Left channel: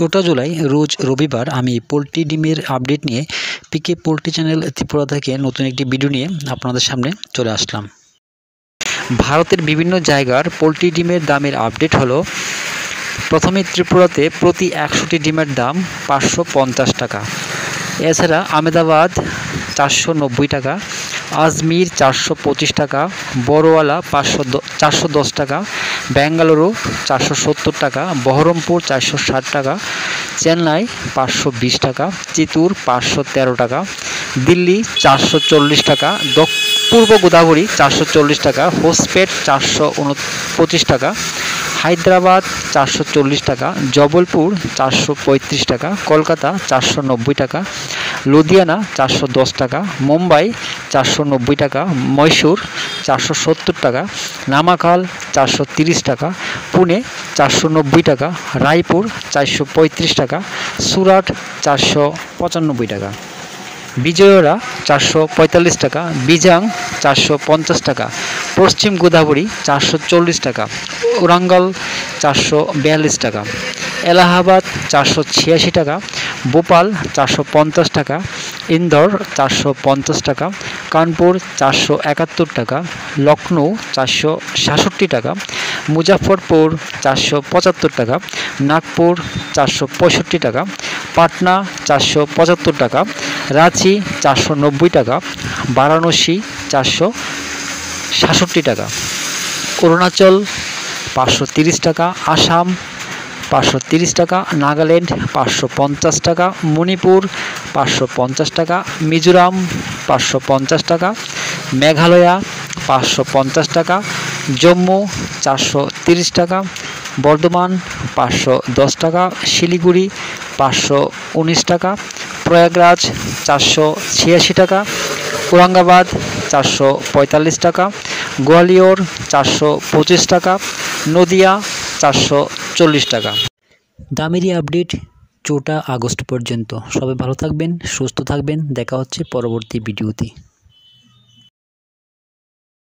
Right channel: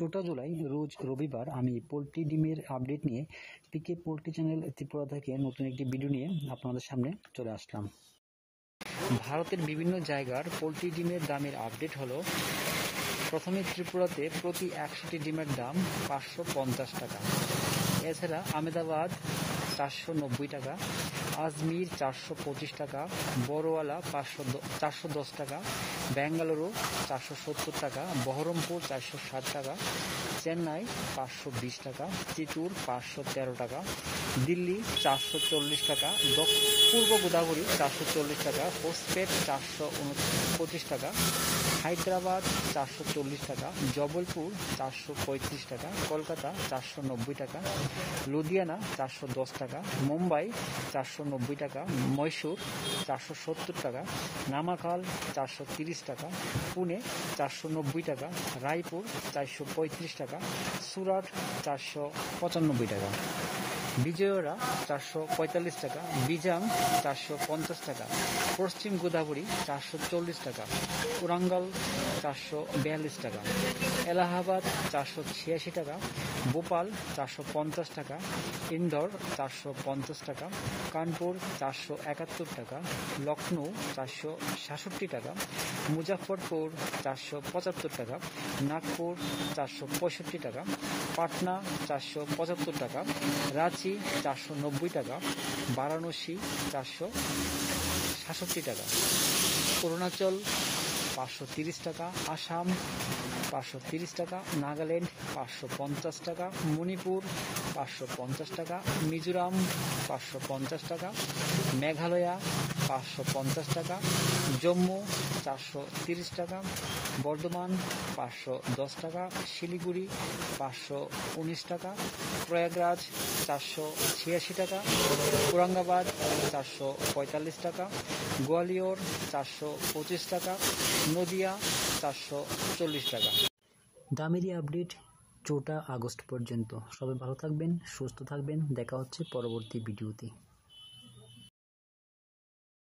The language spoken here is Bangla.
চৌঠা জুলাই রোজ রবিবার আমি পোলট্রি ডিমের আপডেট নিয়ে পিকে পোলট্রি চ্যানেল ত্রিপুরা থেকে নতুন একটি ভিডিও নিয়ে আপনাদের সামনে চলে আসলাম। ভারতের বিভিন্ন জায়গার পোলট্রি ডিমের দামের আপডেট হলো, প্রথমে ত্রিপুরাতে প্রতি 100টি ডিমের দাম 550 টাকা। এছাড়া আহমেদাবাদ 490 টাকা, আজমির 425 টাকা, বড়ওয়ালা 410 টাকা, বেঙ্গালুরু 470 টাকা, বহরমপুর 460 টাকা, চেন্নাই 520 টাকা, চিত্তুর 513 টাকা, দিল্লি 440 টাকা, পূর্ব গোদাবরী 440 টাকা, হোসপেট 425 টাকা, হায়দ্রাবাদ 440 টাকা, জবলপুর 435 টাকা, কলকাতা 490 টাকা, লুধিয়ানা 410 টাকা, মুম্বাই 490 টাকা, মহীশূর 470 টাকা, নামাকাল 430 টাকা, পুনে 490 টাকা, রায়পুর 435 টাকা, সুরাট 495 টাকা, বিজয়ওয়াড়া 445 টাকা, বিজাং 450 টাকা, পশ্চিম গোদাবরী 440 টাকা, ওরাঙ্গল 442 টাকা, এলাহাবাদ 486 টাকা, ভোপাল 450 টাকা, ইন্দোর 450 টাকা, কানপুর 471 টাকা, লখনৌ 466 টাকা, মুজাফরপুর 475 টাকা, নাগপুর 465 টাকা, পাটনা 475 টাকা, রাঁচি 490 টাকা, বারাণসী 466 টাকা, অরুণাচল 530 টাকা, আসাম 530 টাকা, নাগাল্যান্ড 550 টাকা, মণিপুর 550 টাকা, মিজোরাম 550 টাকা, মেঘালয়া 550 টাকা, জম্মু 430 টাকা, বর্ধমান 510 টাকা, শিলিগুড়ি 519 টাকা, প্রয়াগরাজ 486 টাকা, ঔরঙ্গাবাদ 445 টাকা, গোয়ালিয়র 425 টাকা, নদিয়া 440 টাকা। দামেরই আপডেট 4 আগস্ট পর্যন্ত। সবাই ভালো থাকবেন, সুস্থ থাকবেন। দেখা হচ্ছে পরবর্তী ভিডিওতে।